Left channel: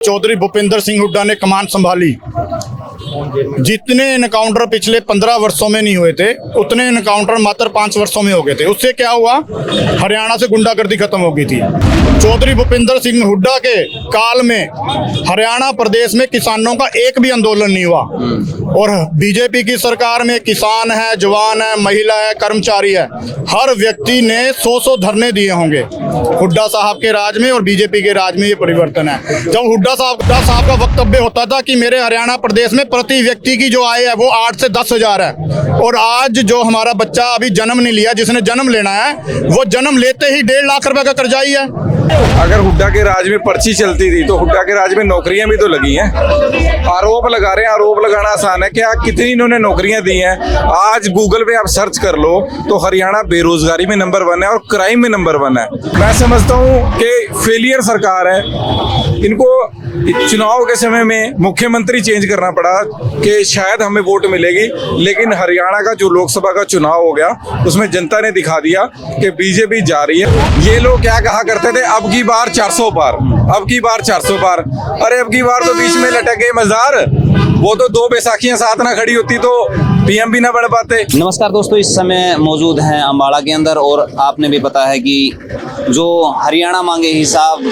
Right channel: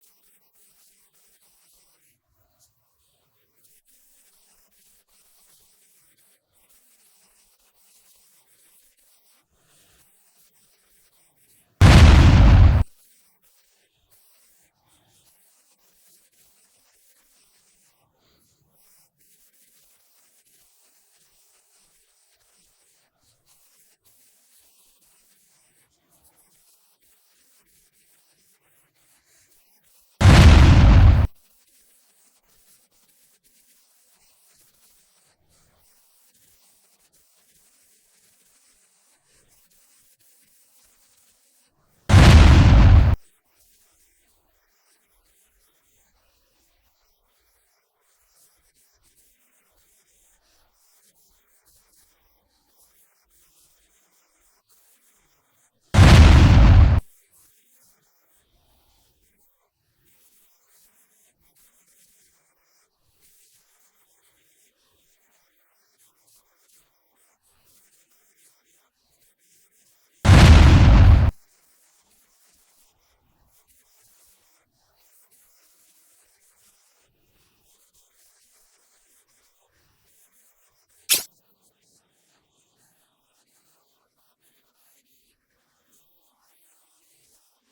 चौधरी भूपेंद्र सिंह हुड्डा ने कमान संभाली। जितने एनकाउंटर पिछले 15 वर्षों में नहीं हुए थे उतने एनकाउंटर मात्र 5 वर्षों में हो गए थे। उससे क्या हुआ, हरियाणा से गुंडागर्दी खत्म हो गई थी। चौधरी भूपेंद्र सिंह हुड्डा के काल में हरियाणा प्रदेश में किसानों का एक भी आंदोलन नहीं हुआ। और बीजेपी की सरकार में किसान है, जवान है, महिला है, कर्मचारी है, हर व्यक्ति ने 100 धरने दिए होंगे। हुड्डा साहब के राज में और बीजेपी के राज में ये परिवर्तन है। जब हुड्डा साहब का वक्तव्य होता था कि मेरे हरियाणा प्रदेश में प्रति व्यक्ति की जो आय है वो 8 से 10 हजार है, और आज जो हमारा बच्चा अभी जन्म नहीं लिया, जिसने जन्म लेना है, वो जन्म लेते ही 1.5 लाख रुपए का कर्जाई है। अगर हुड्डा के राज में पर्ची चलती थी तो हुड्डा के राज में नौकरियां भी तो लगी हैं। आरोप लगा रहे हैं, आरोप लगाना आसान है, क्या कितनी इन्होंने नौकरियां दी हैं। आज गूगल पे आप सर्च कर लो तो हरियाणा बेरोजगारी में नंबर 1 है और क्राइम में नंबर 1 है। मैं समझता हूँ कि फेलियर सरकार है। इनको चुनाव के समय में मुख्यमंत्री चेंज करना पड़ा कि शायद हमें वोट मिलेगी, लेकिन हरियाणा का जो लोकसभा का चुनाव हो गया उसमें जनता ने दिखा दिया कि बीजेपी जा रही है। ये लोग क्या कहा करते थे, अब की बार 400 पार, अब की बार 400 पार। अरे अब की बार तो बीच में लटक गए मजार, वो तो 2 बैसाखियां साथ ना खड़ी होती तो पीएम भी ना बढ़ पाते। नमस्कार दोस्तों, इस समय मौजूद हैं अम्बाड़ा के अंदर, और आपने भी पता है कि जो हरियाणा मांगे हिसाब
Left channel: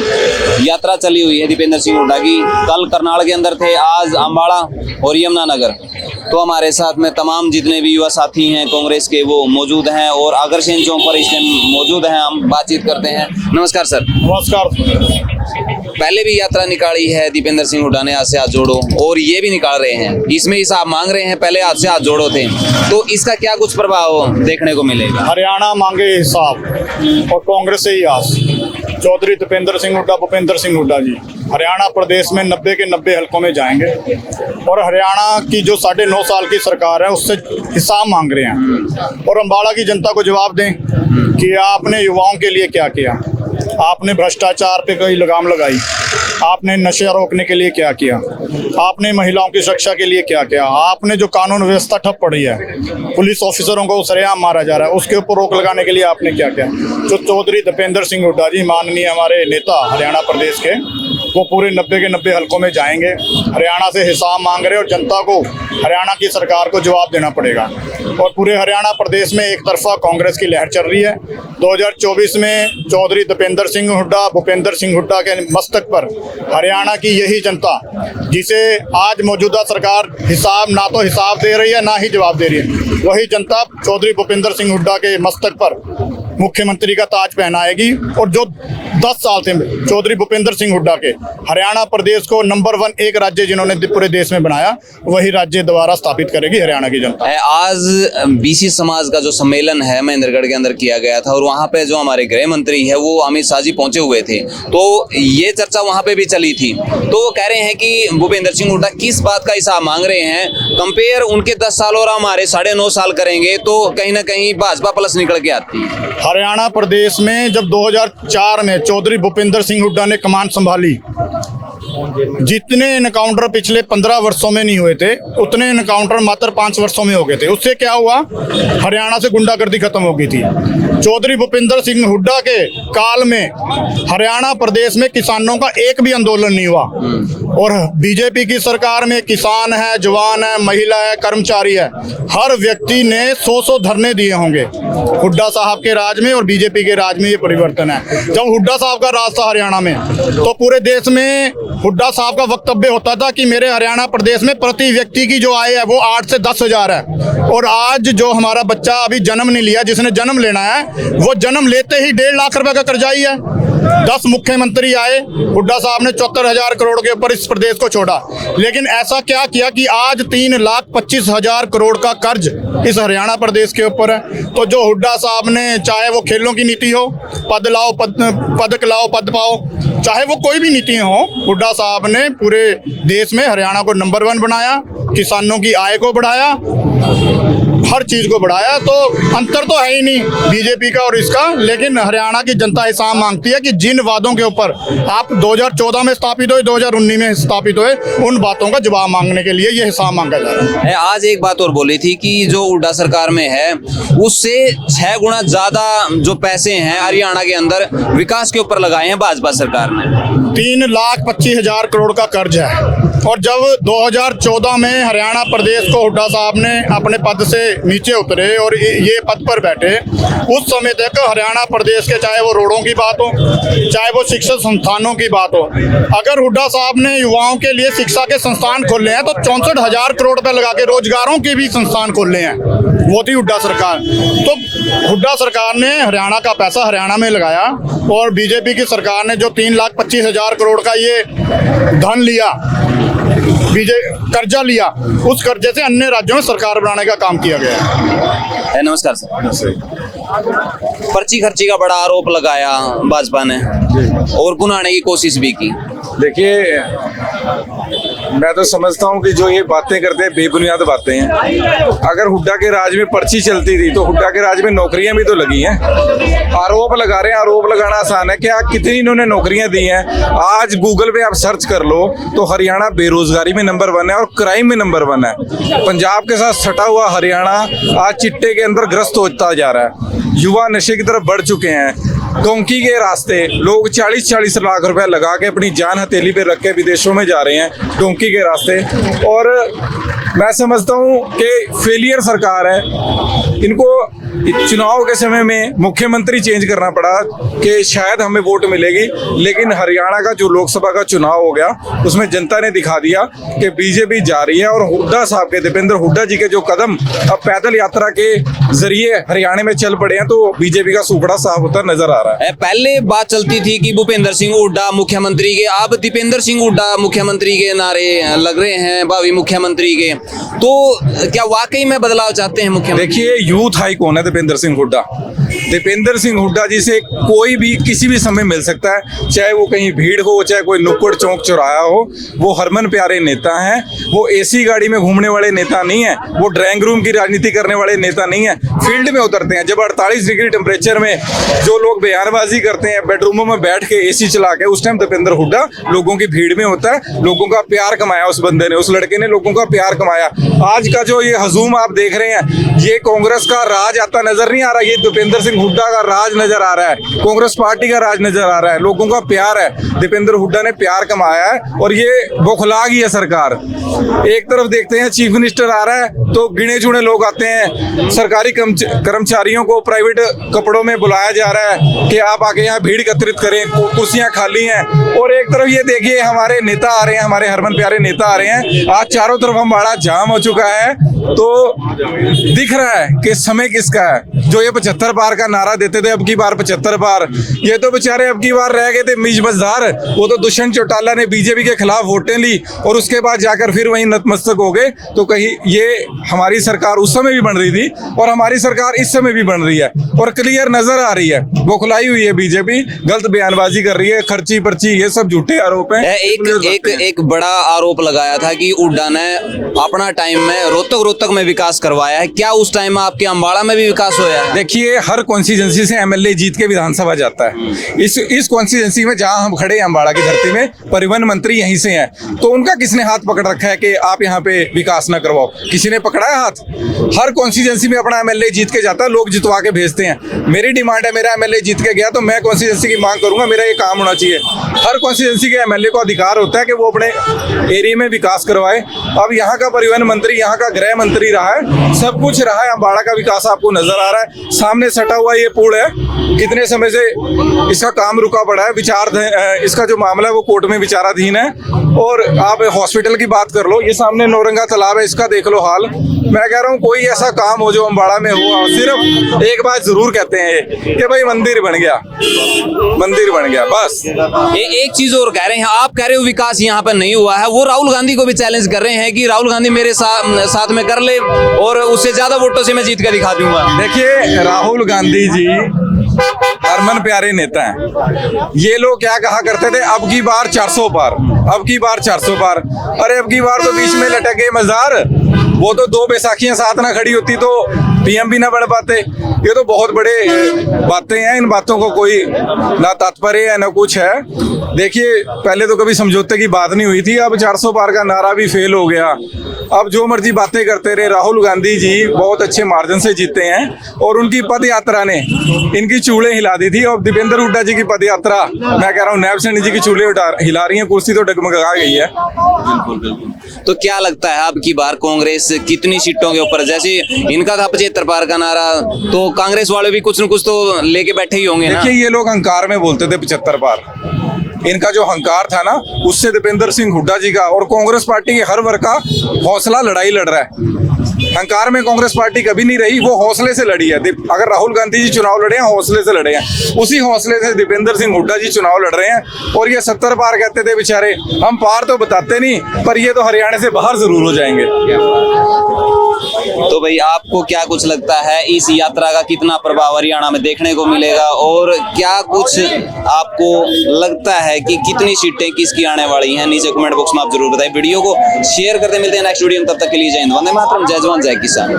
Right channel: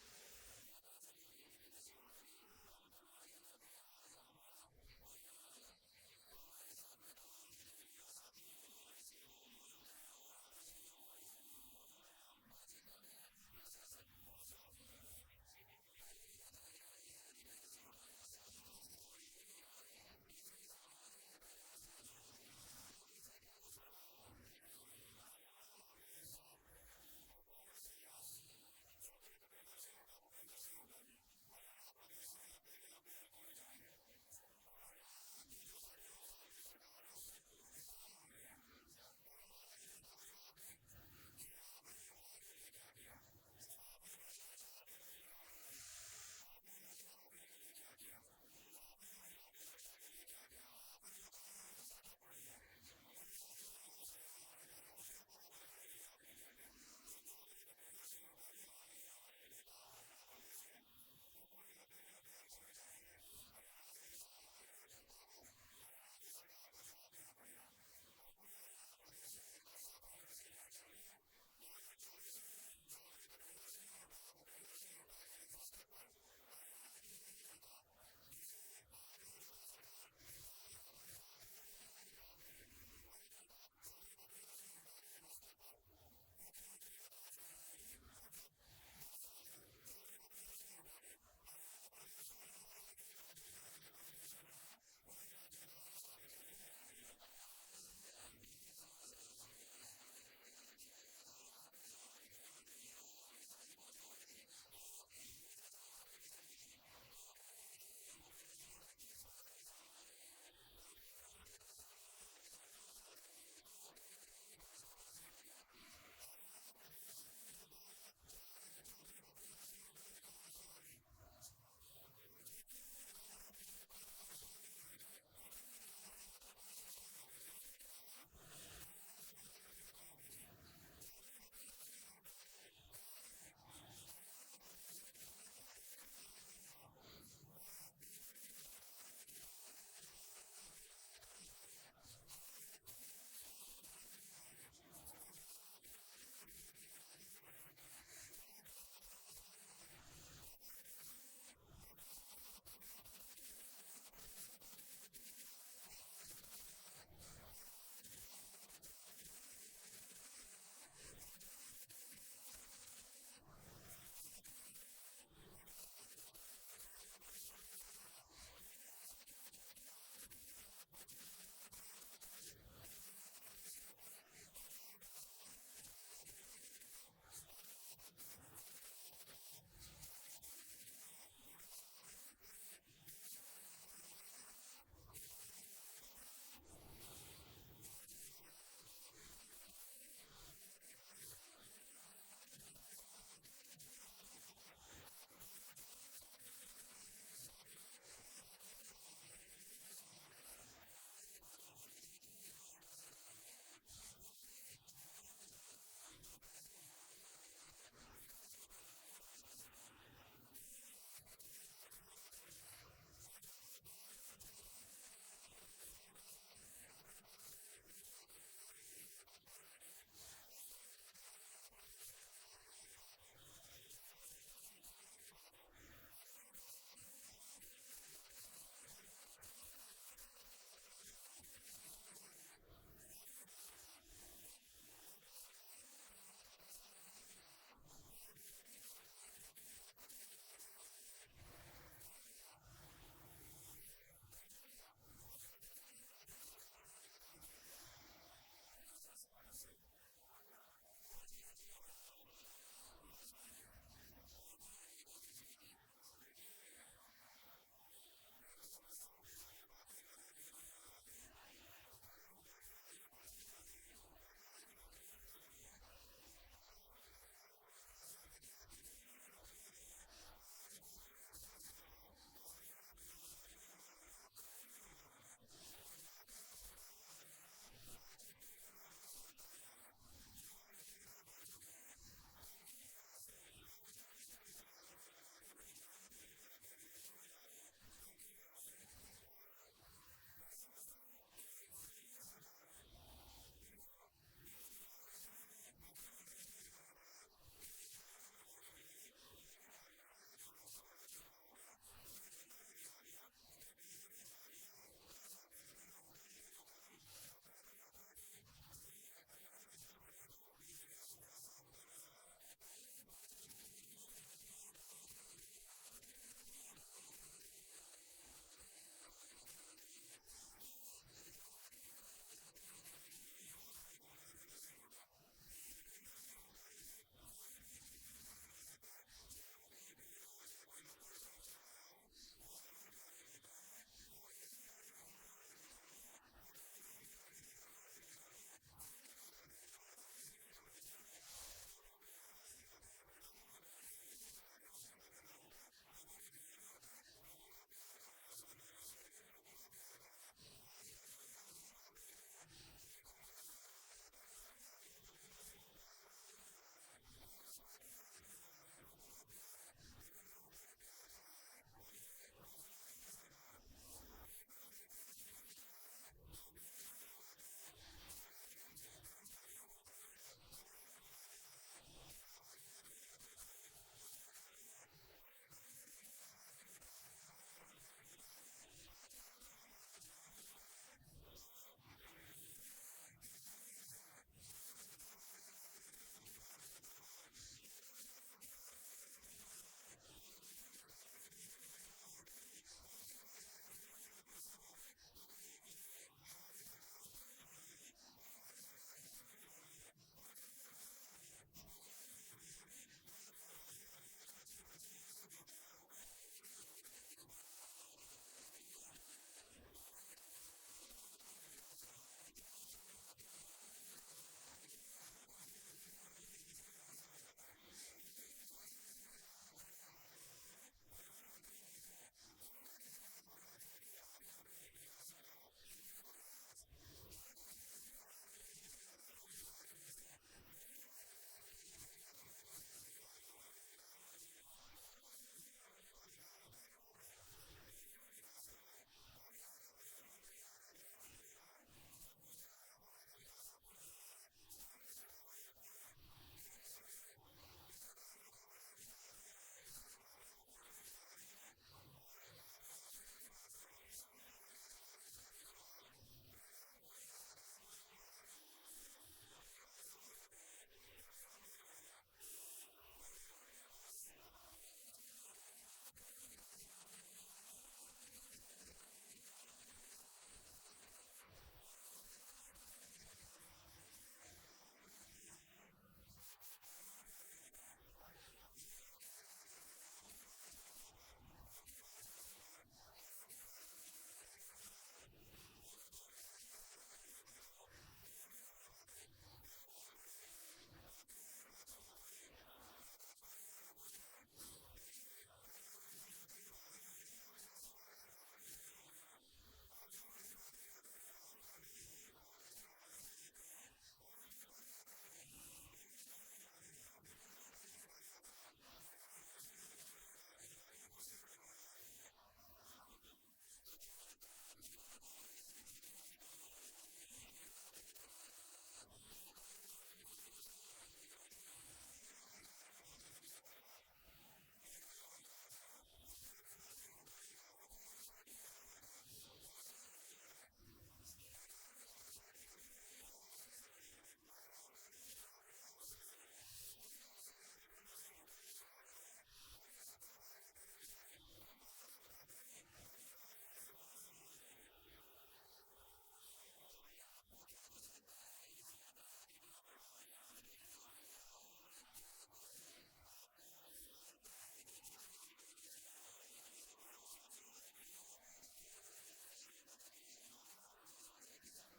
यात्रा चली हुई है दीपेंद्र सिंह हुड्डा की। कल करनाल के अंदर थे, आज अम्बाड़ा और यमुनानगर। तो हमारे साथ में तमाम जितने भी युवा साथी हैं कांग्रेस के वो मौजूद हैं और अग्रसेन चौक पर इस टाइम मौजूद हैं। हम बातचीत करते हैं। नमस्कार सर। नमस्कार। पहले भी यात्रा निकाली है दीपेंद्र सिंह हुड्डा ने, हाथ से हाथ जोड़ो, और ये भी निकाल रहे हैं, इसमें हिसाब मांग रहे हैं, पहले हाथ से हाथ जोड़ो थे, तो इसका क्या कुछ प्रभाव देखने को मिलेगा? हरियाणा मांगे हिसाब और कांग्रेस से ही आस। चौधरी दीपेंद्र सिंह हुड्डा, भूपेंद्र सिंह हुड्डा जी हरियाणा प्रदेश में 90 के 90 हलकों में जाएंगे, और हरियाणा की जो 9.5 साल की सरकार है उससे हिसाब मांग रहे हैं। और अम्बाड़ा की जनता को जवाब दें कि आपने युवाओं के लिए क्या किया, आपने भ्रष्टाचार पे कोई लगाम लगाई, आपने नशे रोकने के लिए क्या किया, आपने महिलाओं की सुरक्षा के लिए क्या किया, आपने जो कानून व्यवस्था ठप पड़ी है, पुलिस ऑफिसरों को सरेआम मारा जा रहा है, उसके ऊपर रोक लगाने के लिए आपने क्या किया। जो चौधरी दीपेंद्र सिंह हुड्डा जी माननीय हमारे नेता हरियाणा प्रदेश के, वो पूरे 90 के 90 हलकों में जाएंगे, हरियाणा से हिसाब मांग रहे, और जनता को हरियाणा की सरकार को जवाब देना पड़ेगा। और पूरे हरियाणा प्रदेश में एक तरफा कांग्रेस की लहर चल रही है। 2024 में चौधरी दीपेंद्र सिंह हुड्डा, भूपेंद्र सिंह हुड्डा के मस्तक पर हरियाणा की यही जनता, जिसे आज मौजूदा सरकार ना तो हिसाब दे रही है ना ही जवाब दे रही है, वही जनता चौधरी भूपेंद्र सिंह हुड्डा के मस्तक पर मुख्यमंत्री का ताज पहनाएगी। और जो 10 साल से चौधरी भूपेंद्र सिंह हुड्डा के हरियाणा प्रदेश को नंबर 1 एक राज्य जिन्होंने पूरे देश में बनाया, वही राज्य दोबारा स्थापित करेगी हरियाणा की जनता। आज बीसी समाज का जो सम्मेलन है महेंद्रगढ़ के अंदर किया गया था, और वहाँ पे जो हमारे गृह मंत्री है वो अमित शाह जी पहुंचे हुए थे, तो ये चर्चा वहाँ पे भी चली थी। तो वो कह रहे हैं कि भूपेंद्र सिंह हुड्डा किस बात का हिसाब मांग रहे हैं, कंपेयर उनके 10 साल और हमारे 9.5 साल करेंगे तो कहीं ना कहीं भाजपा प्लस निकल के आती है। हरियाणा प्रदेश में जब 2004 में चौधरी भूपेंद्र सिंह हुड्डा ने कमान संभाली, जितने एनकाउंटर पिछले 15 वर्षों में नहीं हुए थे उतने एनकाउंटर मात्र 5 वर्षों में हो गए थे। उससे क्या हुआ, हरियाणा से गुंडागर्दी खत्म हो गई थी। चौधरी भूपेंद्र सिंह हुड्डा के काल में हरियाणा प्रदेश में किसानों का एक भी आंदोलन नहीं हुआ। और बीजेपी की सरकार में किसान है, जवान है, महिला है, कर्मचारी है, हर व्यक्ति ने 100 धरने दिए होंगे। हुड्डा साहब के राज में और बीजेपी के राज में ये परिवर्तन है। जब हुड्डा साहब का राज था हरियाणा में, तो पूरे देश में हुड्डा साहब का वक्तव्य होता था कि मेरे हरियाणा प्रदेश में प्रति व्यक्ति की जो आय है वो 8 से 10 हजार है, और आज जो हमारा बच्चा अभी जन्म नहीं लिया, जिसने जन्म लेना है, वो जन्म लेते ही 1.5 लाख रुपए का कर्जाई है। 10 मुख्यमंत्री आए, हुड्डा साहब ने 74,000 करोड़ के ऊपर इस प्रदेश को छोड़ा, लेकिन ऐसा क्या किया कि आज 3,25,000 करोड़ का कर्ज इस हरियाणा प्रदेश के ऊपर है। तो जो हुड्डा साहब ने, चाहे वो खेलों की नीति हो, पद लाओ पदक लाओ पद पाओ, चाहे वो कोई भी नीति हो, हुड्डा साहब ने पूरे देश में हरियाणा को नंबर 1 बनाया, किसानों की आय को बढ़ाया, हर चीज को बढ़ाया। तो अंतर तो है ही नहीं बीजेपी का और इसका, लेकिन हरियाणा की जनता हिसाब मांगती है कि जिन वादों के ऊपर आप 2014 में स्थापित हुए, 2019 में स्थापित हुए, उन बातों का जवाब मांगने के लिए ये हिसाब मांगा जा रहा है। आज एक बात और बोली थी कि जो हुड्डा सरकार में है उससे 6 गुना ज्यादा जो पैसे हैं हरियाणा के अंदर विकास के ऊपर लगाए हैं भाजपा सरकार ने। 3,25,000 करोड़ का कर्ज है। और जब 2014 में हरियाणा प्रदेश को हुड्डा साहब ने अपने पद से नीचे उतरे और ये पद पर बैठे, उस समय तक हरियाणा प्रदेश के चाहे वो रोडों की बात हो, चाहे वो शिक्षा संस्थानों की बात हो, अगर हुड्डा साहब ने युवाओं के लिए शिक्षा के संस्थान खोले हैं तो 64,000 करोड़ रुपए लगा के रोजगारों के भी संस्थान खोले हैं। वो थी हुड्डा सरकार। तो हुड्डा सरकार ने हरियाणा का पैसा हरियाणा में लगाया और बीजेपी की सरकार ने जो 3,25,000 करोड़ का ये धन लिया, कर्जा लिया, उस कर्जे से अन्य राज्यों में सरकार बनाने का काम किया गया है। नमस्कार सर। पर्ची खर्ची का बड़ा आरोप लगाया भाजपा ने और भुनाने की कोशिश भी की। देखिए, मैं तो समझता हूँ कि जो ये बातें करते हैं बेबुनियाद बातें हैं। अगर हुड्डा के राज में पर्ची चलती थी तो हुड्डा के राज में नौकरियां भी तो लगी हैं। आरोप लगा रहे हैं, आरोप लगाना आसान है। क्या कितनी इन्होंने नौकरियां दी हैं? आज गूगल पे आप सर्च कर लो तो हरियाणा बेरोजगारी में नंबर 1 है और क्राइम में नंबर 1 है। पंजाब के साथ सटा हुआ हरियाणा आज चिट्टे के अंदर ग्रस्त होता जा रहा है। युवा नशे की तरफ बढ़ चुके हैं। डोंकी के रास्ते लोग 40-40 लाख रुपए लगा के अपनी जान हथेली पे रख के विदेशों में जा रहे हैं डोंकी के रास्ते। और मैं समझता हूँ कि फेलियर सरकार है। इनको चुनाव के समय में मुख्यमंत्री चेंज करना पड़ा कि शायद हमें वोट मिलेगी, लेकिन हरियाणा का जो लोकसभा का चुनाव हो गया उसमें जनता ने दिखा दिया कि बीजेपी जा रही है। और हुड्डा साहब के, दीपेंद्र हुड्डा जी के जो कदम अब पैदल यात्रा के जरिए हरियाणा में चल पड़े हैं, तो बीजेपी का सुपड़ा साफ होता नजर आ रहा है। पहले बात चलती थी कि भूपेंद्र सिंह हुड्डा मुख्यमंत्री के, अब दीपेंद्र सिंह हुड्डा मुख्यमंत्री के नारे लग रहे हैं भावी मुख्यमंत्री के। तो क्या वाकई में बदलाव चाहते हैं मुख्यमंत्री? देखिए, यूथ हाई कौन है? दीपेंद्र सिंह हुड्डा। दीपेंद्र सिंह हुड्डा जी से कोई भी किसी भी समय मिल सकता है, चाहे वो कहीं भीड़ हो, चाहे कोई नुक्कड़ चौक चौराया हो। वो हरमन प्यारे नेता हैं। वो एसी गाड़ी में घूमने वाले नेता नहीं है। वो ड्राइंग रूम की राजनीति करने वाले नेता नहीं है। फील्ड में उतरते हैं। जब 48 डिग्री टेम्परेचर में जो लोग बयानबाजी करते हैं बेडरूमों में बैठ के एसी चला के, उस टाइम दीपेंद्र हुड्डा लोगों की भीड़ में होता है। लोगों का प्यार कमाया उस बंदे ने, उस लड़के ने लोगों का प्यार कमाया। आज का जो ये हजूम आप देख रहे हैं, ये कांग्रेस का राज आता नजर नहीं आ रहा, ये दीपेंद्र सिंह हुड्डा का राज नजर आ रहा है। कांग्रेस पार्टी का राज नजर आ रहा है। लोगों का प्यार है। दीपेंद्र हुड्डा ने प्यार कमाया है और ये बौखला गई है सरकार। एक तरफ देखते हैं चीफ मिनिस्टर आ रहा है तो गिने चुने लोग आते हैं। सरकारी कर्मचारियों को प्राइवेट कपड़ों में बुलाया जा रहा है कि आप आके यहाँ भीड़ एकत्रित करें, कुर्सियां खाली हैं। और एक तरफ ये देखिए हमारे नेता आ रहे हैं, हमारे हरमन प्यारे नेता आ रहे हैं। आज चारों तरफ अम्बाड़ा जाम हो चुका है। तो दिख रहा है कि समय किसका है। जो ये 75 पार का नारा देते थे, अब की बार 75 पार, ये तो बेचारे अब की बार रह गए थे मीज मजदार। वो तो दुष्यंत चौटाला ने बीजेपी के खिलाफ वोटें ली और उसके बाद जाकर फिर वहीं नतमस्तक हो गए। तो कहीं ये हमारी सरकार उस समय भी बन रही थी और हमारी सरकार इस समय भी बन रही है और क्लियर नजर आ रही है। बौखलाई हुई है बीजेपी, गलत बयानबाजी कर रही है, खर्ची पर्ची, ये सब झूठे आरोप हैं। एक बड़ा आरोप लगाया था कि हुड्डा ने अपना टाइम में रोहतक में विकास करवाया है। क्या उस टाइम में आपके अम्बाड़ा में भी विकास होया है? देखिए, हर कॉन्स्टिट्यूंसी से एमएलए जीत के विधानसभा जाता है। इस कॉन्स्टिट्यूंसी में जहां हम खड़े हैं अम्बाड़ा की धरती में, परिवहन मंत्री यहीं से हैं। तो उनका किसने हाथ पकड़ रखा है कि आप यहाँ पे विकास ना करवाओ? किसी ने पकड़ा है हाथ? हर कॉन्स्टिट्यूंसी में अपना एमएलए जीत के जाता है, लोग जितवा के भेजते हैं। मेरी डिमांड है, मेरा एमएलए जीत के गया तो मैं कॉन्स्टिट्यूंसी की मांग करूंगा, मेरा ये काम होना चाहिए। हर कॉन्स्टिट्यूंसी के एमएलए को अधिकार होता है कि वो अपने एरिया में विकास करवाए। अब यहाँ का परिवहन मंत्री, यहाँ का गृह मंत्री रहा है, सब कुछ रहा है। अम्बाड़ा का विकास आपको नजर आ रहा है। सामने सटा हुआ ये पुल है, कितने समय से इसका काम रुका पड़ा है। इसका जो मामला है वो कोर्ट में विचाराधीन है। और आप हॉस्पिटल की बात कर लो, ये सामने नौरंगा तालाब है, इसका देख लो हाल। मैं कह रहा हूँ कोई ऐसा काम हो जो अम्बाड़ा में हुआ, सिर्फ एक बात जरूर कहते हैं कि भाई मंदिर बन गया, मंदिर बन गया, बस। एक चीज और कह रहे हैं, आप कह रहे हो विकास यहाँ पर नहीं हुआ है, वो राहुल गांधी को भी चैलेंज कर रहे हैं कि राहुल गांधी मेरे साथ में कर ले और उससे ज्यादा वोटों से मैं जीत कर दिखा दूंगा। देखिए, राहुल गांधी जी हरमन प्यारे नेता हैं। ये लोग क्या कहा करते थे, अब की बार 400 पार, अब की बार 400 पार। अरे अब की बार तो बीच में लटक गए मजार। वो तो 2 बैसाखियां साथ ना खड़ी होती तो पीएम भी ना बन पाते। ये तो बहुत बड़े बातें हैं, इन बातों को कोई ना तात्पर्य है ना कुछ है। देखिए पहले तो कभी समझौते की बात नहीं हुई थी, अब 400 पार का नारा भी फेल हो गया। अब जो मर्जी बातें करते रहे। राहुल गांधी जी बहुत अच्छे मार्जिन से जीते हैं और उनकी पद यात्रा ने इनकी चूड़े हिला दी थी। और दीपेंद्र हुड्डा जी की पद यात्रा, मैं कह रहा हूँ नैब सैनी जी की चूड़े हिला रही है, कुर्सी तो डगमगा गई है। बिल्कुल बिल्कुल। तो क्या लगता है अब की बार कांग्रेस कितनी सीटों के ऊपर, जैसे इनका था 75 पार का नारा, तो कांग्रेस वाले भी कुछ न कुछ तो लेके बैठे ही होंगे ना। देखिए ये लोग अहंकार में बोलते थे 75 पार, इनका जो अहंकार था ना उससे दीपेंद्र सिंह हुड्डा जी का और कांग्रेस पार्टी के हर वर्ग का हौसला लड़ाई लड़ रहा है। अहंकार में कांग्रेस पार्टी कभी नहीं रही, वो हौसले से लड़ी है। अगर राहुल गांधी जी चुनाव लड़े हैं हौसले से लड़े हैं, उसी हौसले से दीपेंद्र सिंह हुड्डा जी चुनाव लड़ रहे हैं। और ये 70 पार कहते थे बेचारे, हम पार तो बताते नहीं, पर ये तो हरियाणा से बाहर जरूर हो जाएंगे। तो भाई आपको क्या कुछ लगता है इस यात्रा का कितना प्रभाव हरियाणा में देखने को मिलेगा, और क्या कुछ आपको लगता है कि कितनी सीटें किसकी आने वाली हैं? नीचे कमेंट बॉक्स में आप जरूर बताइए। वीडियो को शेयर करते, मिलते हैं नेक्स्ट वीडियो में, तब तक के लिए जय हिंद, वंदे मातरम, जय जवान जय किसान।